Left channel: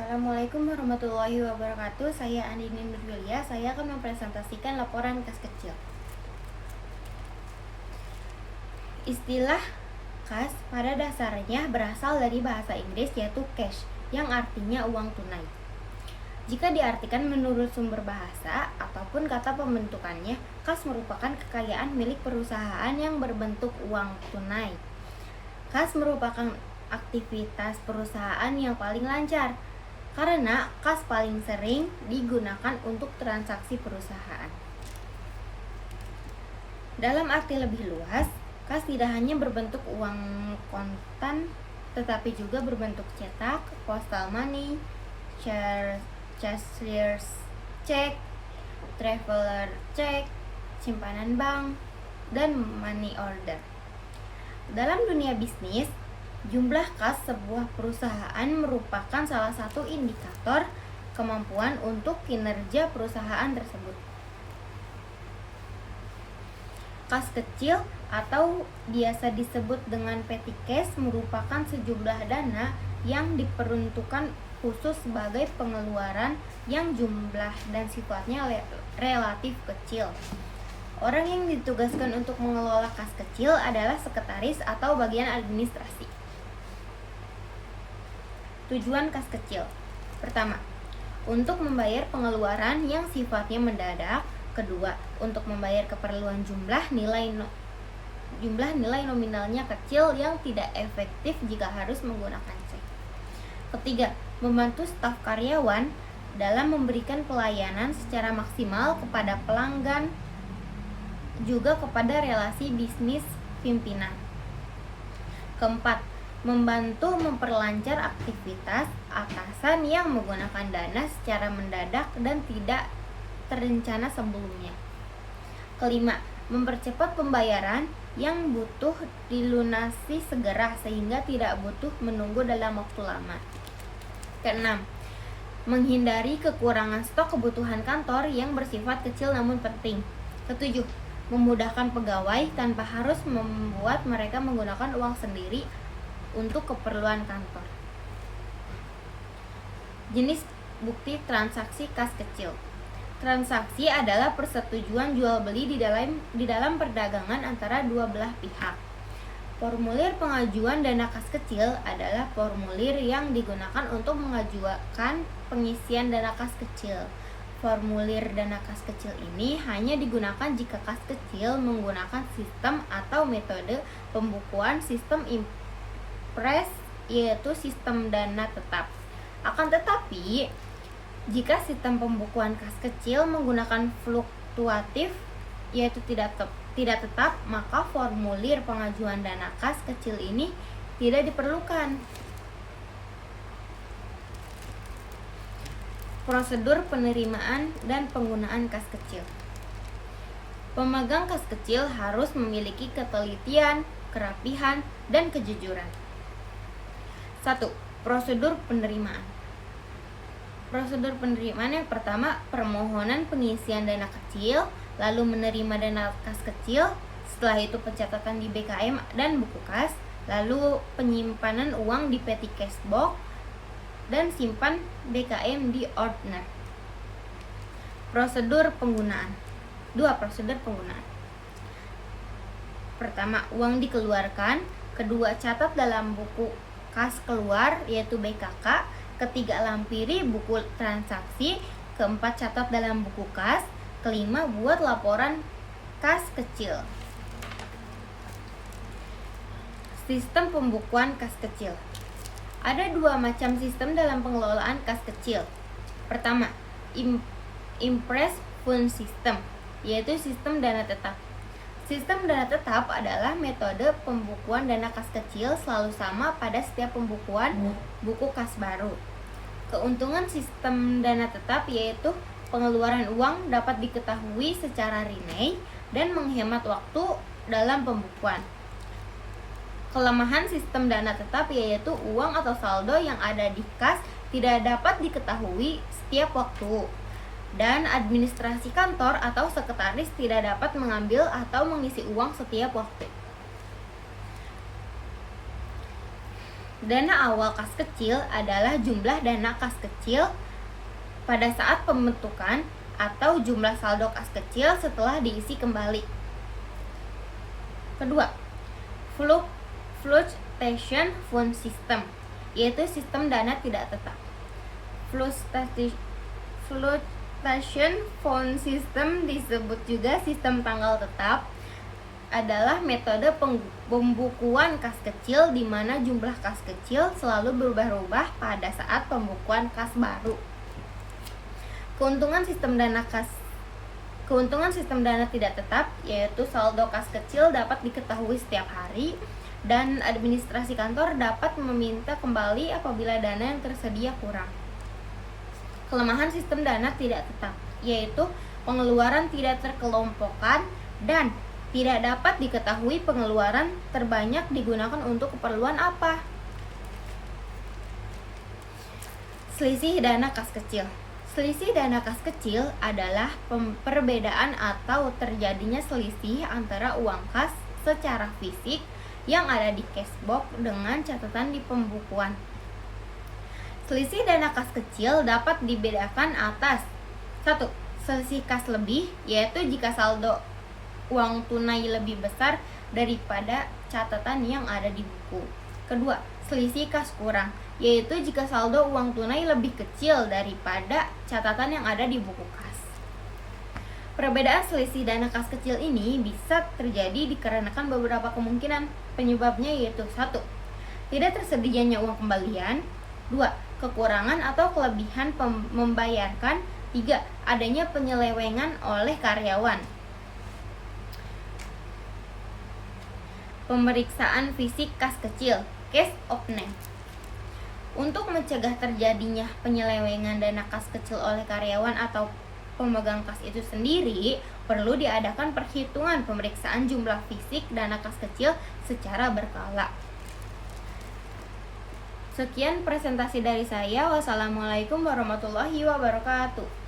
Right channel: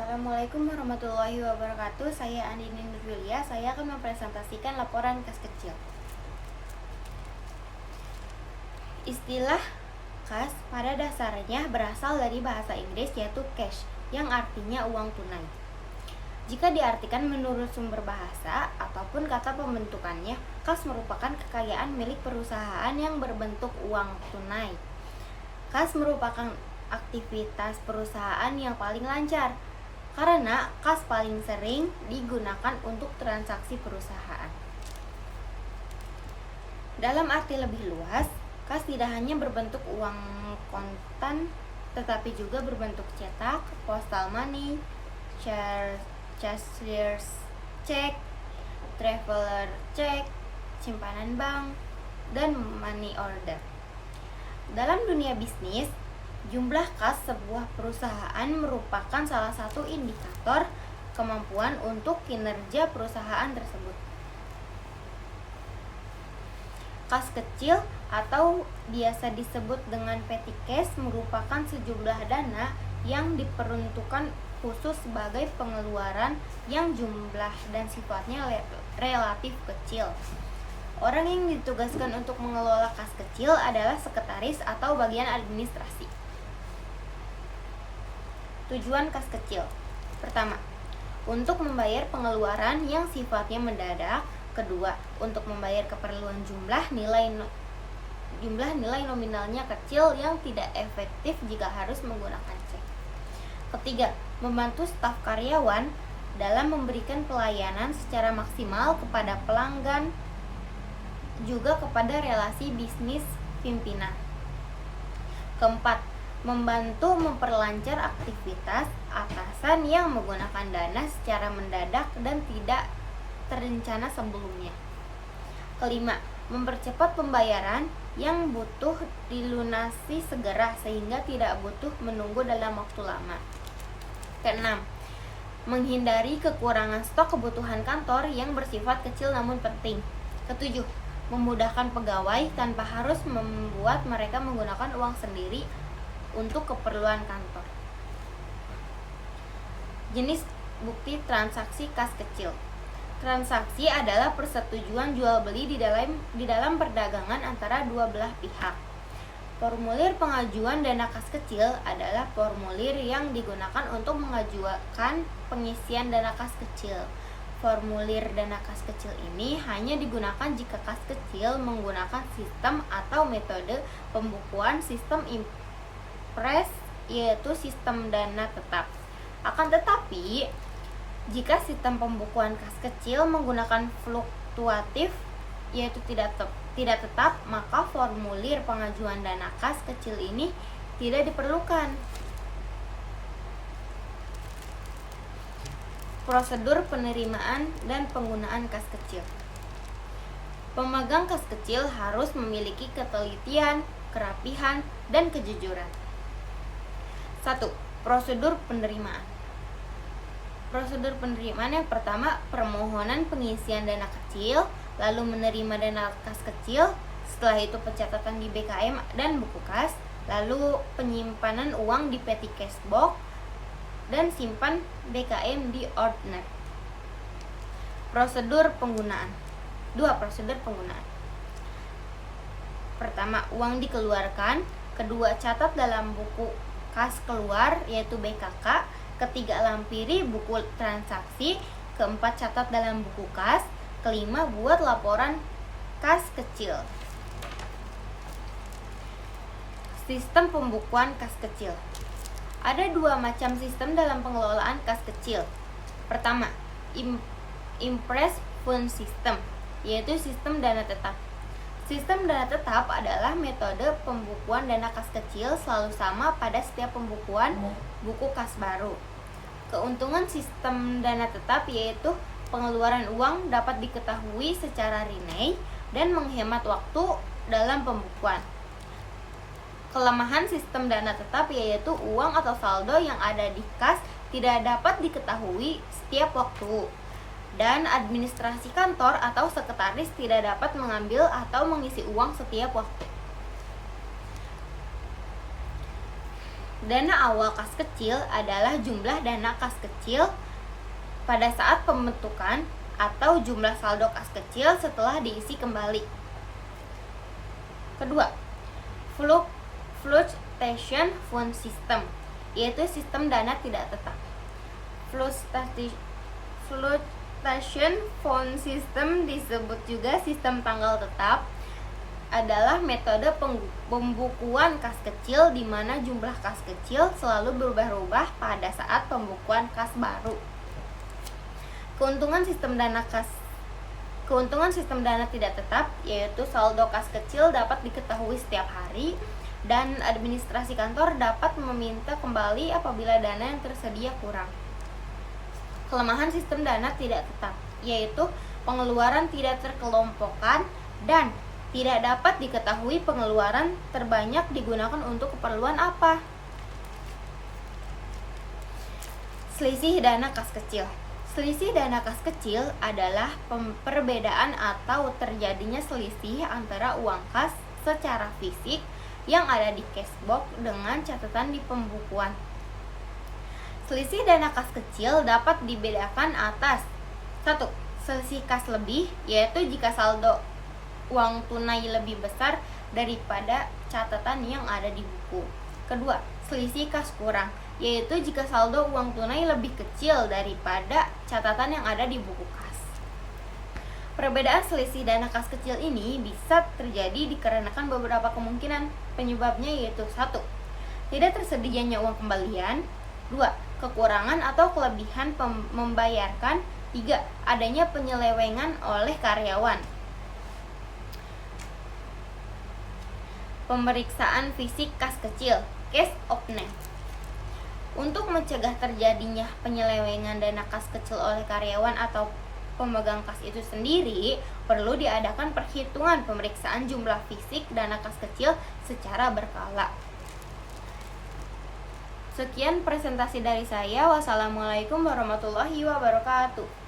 Assalamualaikum warahmatullahi wabarakatuh. Saya Andini Nurjulia. Saya akan mempresentasikan laporan kas kecil. Istilah kas pada dasarnya berasal dari bahasa Inggris yaitu cash, yang artinya uang tunai. Jika diartikan menurut sumber bahasa ataupun kata pembentukannya, kas merupakan kekayaan milik perusahaan yang berbentuk uang tunai. Kas merupakan aktivitas perusahaan yang paling lancar karena kas paling sering digunakan untuk transaksi perusahaan. Dalam arti lebih luas, kas tidak hanya berbentuk uang kontan tetapi juga berbentuk cetak, postal money, cashier's check, traveler check, simpanan bank, dan money order. Dalam dunia bisnis, jumlah kas sebuah perusahaan merupakan salah satu indikator kemampuan untuk kinerja perusahaan tersebut. Kas kecil atau biasa disebut dengan petty cash merupakan sejumlah dana yang diperuntukkan khusus sebagai pengeluaran yang jumlah dan sifatnya relatif kecil. Orang yang ditugaskan untuk mengelola kas kecil adalah sekretaris atau bagian administrasi. Tujuan kas kecil. Pertama, untuk membayar pengeluaran yang sifatnya mendadak. Kedua, untuk membayar keperluan jumlah nilai nominalnya kecil yang tidak efektif jika harus menggunakan cek. Ketiga, membantu staf karyawan dalam memberikan pelayanan secara maksimal kepada pelanggan, juga kepada relasi bisnis pimpinan. Keempat, membantu memperlancar aktivitas atasan yang menggunakan dana secara mendadak dan tidak terencana sebelumnya. Kelima, mempercepat pembayaran yang butuh dilunasi segera sehingga tidak butuh menunggu dalam waktu lama. Keenam, menghindari kekurangan stok kebutuhan kantor yang bersifat kecil namun penting. Ketujuh, memudahkan pegawai tanpa harus membuat mereka menggunakan uang sendiri untuk keperluan kantor. Jenis bukti transaksi kas kecil. Transaksi adalah persetujuan jual beli di dalam perdagangan antara dua belah pihak. Formulir pengajuan dana kas kecil adalah formulir yang digunakan untuk mengajukan pengisian dana kas kecil. Formulir dana kas kecil ini hanya digunakan jika kas kecil menggunakan sistem atau metode pembukuan sistem impres, yaitu sistem dana tetap. Akan tetapi, jika sistem pembukuan kas kecil menggunakan fluktuatif, yaitu tidak tetap, maka formulir pengajuan dana kas kecil ini tidak diperlukan. Prosedur penerimaan dan penggunaan kas kecil. Pemegang kas kecil harus memiliki ketelitian, kerapihan, dan kejujuran. 1. Prosedur penerimaan. Prosedur penerimaan yang pertama, permohonan pengisian dana kecil, lalu menerima dana kas kecil, setelah itu pencatatan di BKM dan buku kas, lalu penyimpanan uang di petty cash box, dan simpan BKM di ordner. Prosedur penggunaan. 2. Prosedur penggunaan. Pertama, uang dikeluarkan. Kedua, catat dalam buku kas keluar yaitu BKK. Ketiga, lampiri buku transaksi. Keempat, catat dalam buku kas. Kelima, buat laporan kas kecil. Sistem pembukuan kas kecil. Ada dua macam sistem dalam pengelolaan kas kecil. Pertama, Impress Fund System, yaitu sistem dana tetap. Sistem dana tetap adalah metode pembukuan dana kas kecil selalu sama pada setiap pembukuan buku kas baru. Keuntungan sistem dana tetap yaitu pengeluaran uang dapat diketahui secara rinai dan menghemat waktu dalam pembukuan. Kelemahan sistem dana tetap yaitu uang atau saldo yang ada di kas tidak dapat diketahui setiap waktu, dan administrasi kantor atau sekretaris tidak dapat mengambil atau mengisi uang setiap waktu. Dana awal kas kecil adalah jumlah dana kas kecil pada saat pembentukan atau jumlah saldo kas kecil setelah diisi kembali. Kedua, fluctuation fund system, yaitu sistem dana tidak tetap. Fluctuation fund system disebut juga sistem tanggal tetap, adalah metode pembukuan kas kecil di mana jumlah kas kecil selalu berubah-ubah pada saat pembukuan kas baru. Keuntungan sistem dana tidak tetap yaitu saldo kas kecil dapat diketahui setiap hari dan administrasi kantor dapat meminta kembali apabila dana yang tersedia kurang. Kelemahan sistem dana tidak tetap yaitu pengeluaran tidak terkelompokkan dan tidak dapat diketahui pengeluaran terbanyak digunakan untuk keperluan apa. Selisih dana kas kecil. Selisih dana kas kecil adalah perbedaan atau terjadinya selisih antara uang kas secara fisik yang ada di cashbox dengan catatan di pembukuan. Selisih dana kas kecil dapat dibedakan atas 1. Selisih kas lebih, yaitu jika saldo uang tunai lebih besar daripada catatan yang ada di buku. Kedua, selisih kas kurang, yaitu jika saldo uang tunai lebih kecil daripada catatan yang ada di buku kas. Perbedaan selisih dana kas kecil ini bisa terjadi dikarenakan beberapa kemungkinan. Penyebabnya yaitu 1. Tidak tersedianya uang kembalian. 2. Kekurangan atau kelebihan membayarkan. 3. Adanya penyelewengan oleh karyawan. Pemeriksaan fisik kas kecil, case of name. Untuk mencegah terjadinya penyelewengan dana kas kecil oleh karyawan atau pemegang kas itu sendiri, perlu diadakan perhitungan pemeriksaan jumlah fisik dana kas kecil secara berkala. Sekian presentasi dari saya. Wassalamualaikum warahmatullahi wabarakatuh.